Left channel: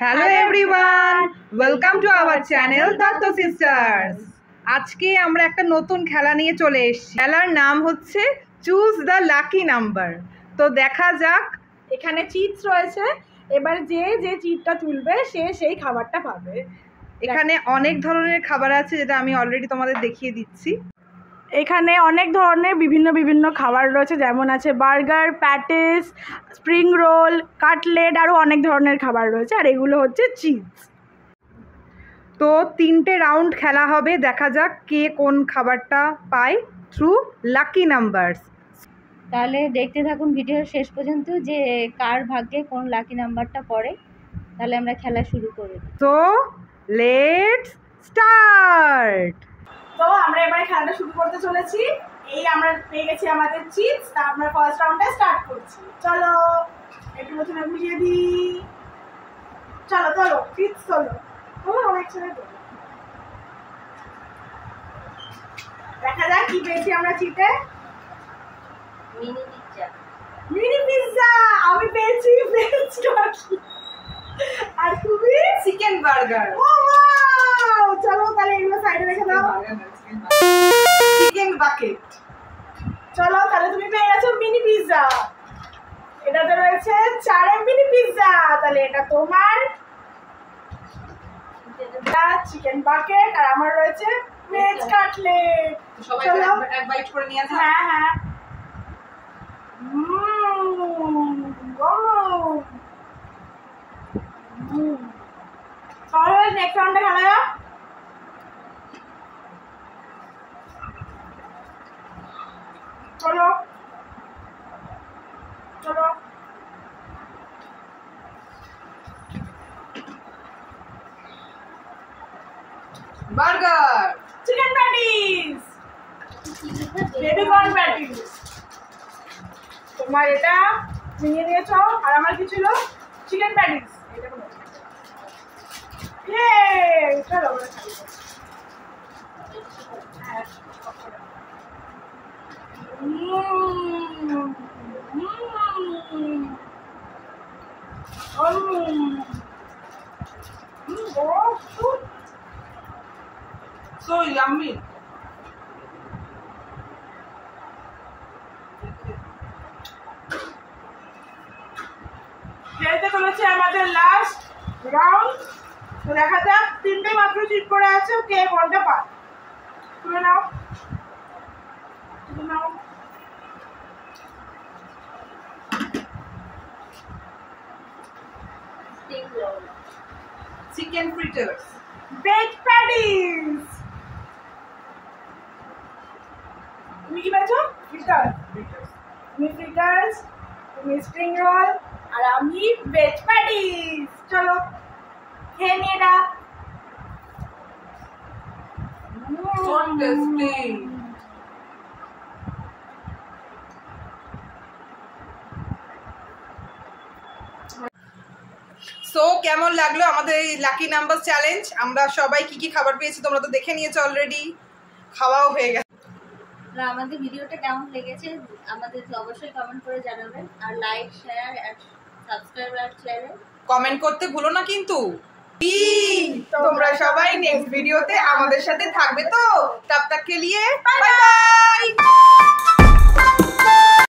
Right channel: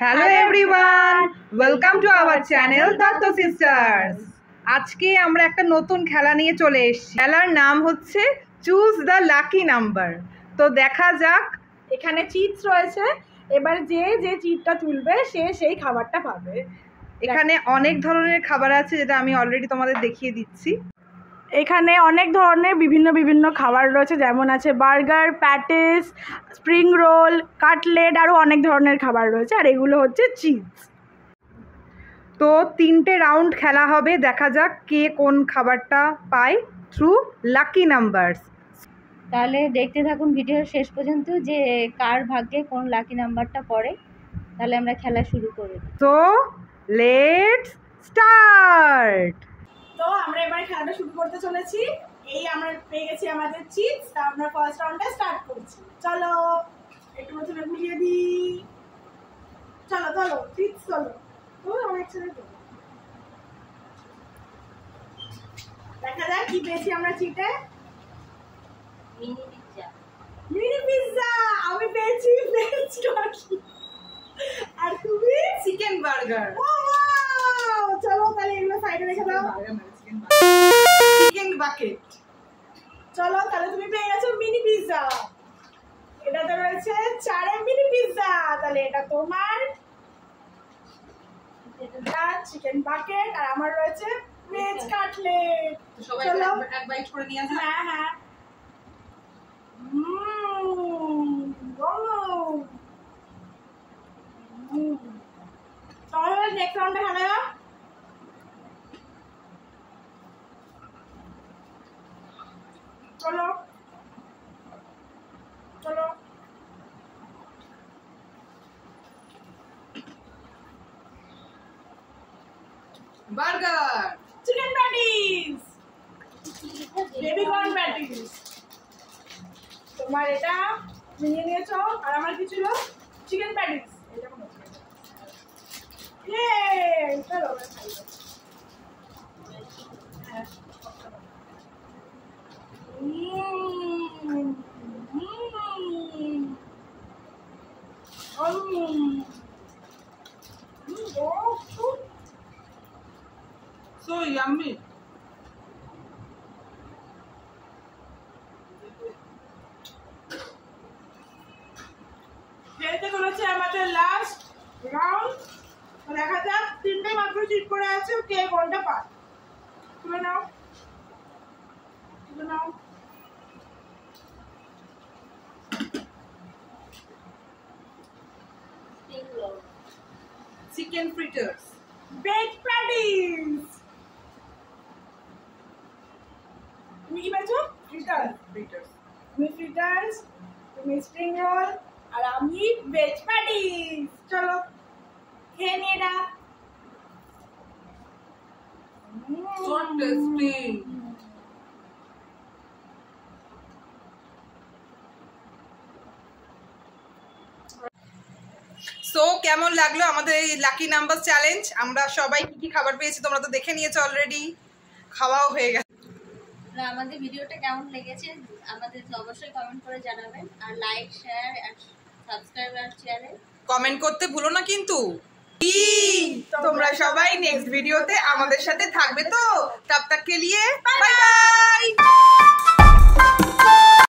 Hello everyone, welcome to our channel Dutta sisters. আজকে আমরা একটা নতুন খেলা নিয়ে চলে এসেছি। খেলার নাম হচ্ছে চুজ দ্য লাকি নাম্বার। তো দেখা যাক। এখানে চিপস রয়েছে, এবার যে যে চিপটা তুলবে সে সেই খাবারটা পাবে। এখানে অনেক ধরনের খাবার আছে, যেটা আমি অলরেডি তোমাদের দেখিয়ে দিচ্ছি। এখানে অনেক ধরনের বিভিন্ন খাবার রয়েছে, যেমন আছে burger, patties, spring roll, cutlet, আরও অনেক ধরনের খাবার রয়েছে। আর এগুলো হচ্ছে চিপস। তো 3টে রাউন্ড খেলা হবে, দেখা যাক কে কোন খাবারটা পায় থ্রু লাকি নাম্বারস। তাহলে দেখতে থাকুন ভিডিওর শেষ পর্যন্ত যে কার ভাগ্যে কোন লাকি নাম্বারটা পড়ে। তাহলে আমরা খেলা শুরু করি। তো লেটস স্টার্ট। তো আমরা এবারে খেলাটা শুরু করতে চলেছি। এই আমরা পেয়ে গেছি আমাদের চিপস, তা আমরা ফার্স্ট রাউন্ডটা স্টার্ট করছি। চলো একটু প্রথমে বুঝিয়ে দিই। চলো চলো চিপস চলো, অনেক ছেলে তো দেখা যাক কি পেয়েছি আমরা চিপে। Mini pizza. মিনি পিৎজা আমি পেয়েছি ভেজ কাটলেট। আর তুমি চিকেন বার্গার। ও ওয়াও, চলো তাহলে এগুলো সাইডে রেখে দাও। Chicken bucket. চলো তাহলে তুমি পেয়ে গেছো মিনি পিৎজা। এটাতে রয়েছে 4 মিনি পিৎজা, তাহলে এটা তোমার। চিকেন বাকেট আর আমার রয়েছে ভেজ কাটলেট। সবাই এক বাইট করে নিয়ে আসো। হ্যাঁ হ্যাঁ। সবাই নেক্সট রাউন্ডে খেলা যাক। চলো চলো burger. Chicken patties, baby corn patties. তোমার এটা নিয়ে নিয়েছো, আর আমার কি ছিল? Chicken patties. চলো So yummy. খেলতে বলেছে আমাদের লাস্ট রাউন্ড। তো দেখা যাক, 3টে মাত্র চিট করে আছে, কে কোনটা পায়। তুলে নাও তুলে নাও। Spring roll. Chicken fritters. Veg patties. তুমি কি পেয়েছো? ফ্রিটার। তুমি ফ্রিটার্স, তুমি স্প্রিং রোল, আর আমি ভেজ প্যাটিস। চলো খেয়ে নিয়ে এটা। So tasty. সো কেমন লাগলো আমাদের এই লাকি নাম্বার চ্যালেঞ্জ? আমরা সবাই কি কি খাবার পেয়েছি তোমরা তো দেখে নিয়েছো অলরেডি, খাওয়াও হয়ে গেছে। আমাদের ভিডিওটা কেমন লেগেছে আমাদের অবশ্যই কমেন্ট করে জানাবেন, আর লাইক, শেয়ার আর সাবস্ক্রাইব আর চ্যানেল কমেন্ট করতে ভুলো না কিন্তু। তোমরা সবাই নেক্সট ভিডিওতে আমাদের সাথে থাকবে তো। তব তক কে লিয়ে বাই বাই।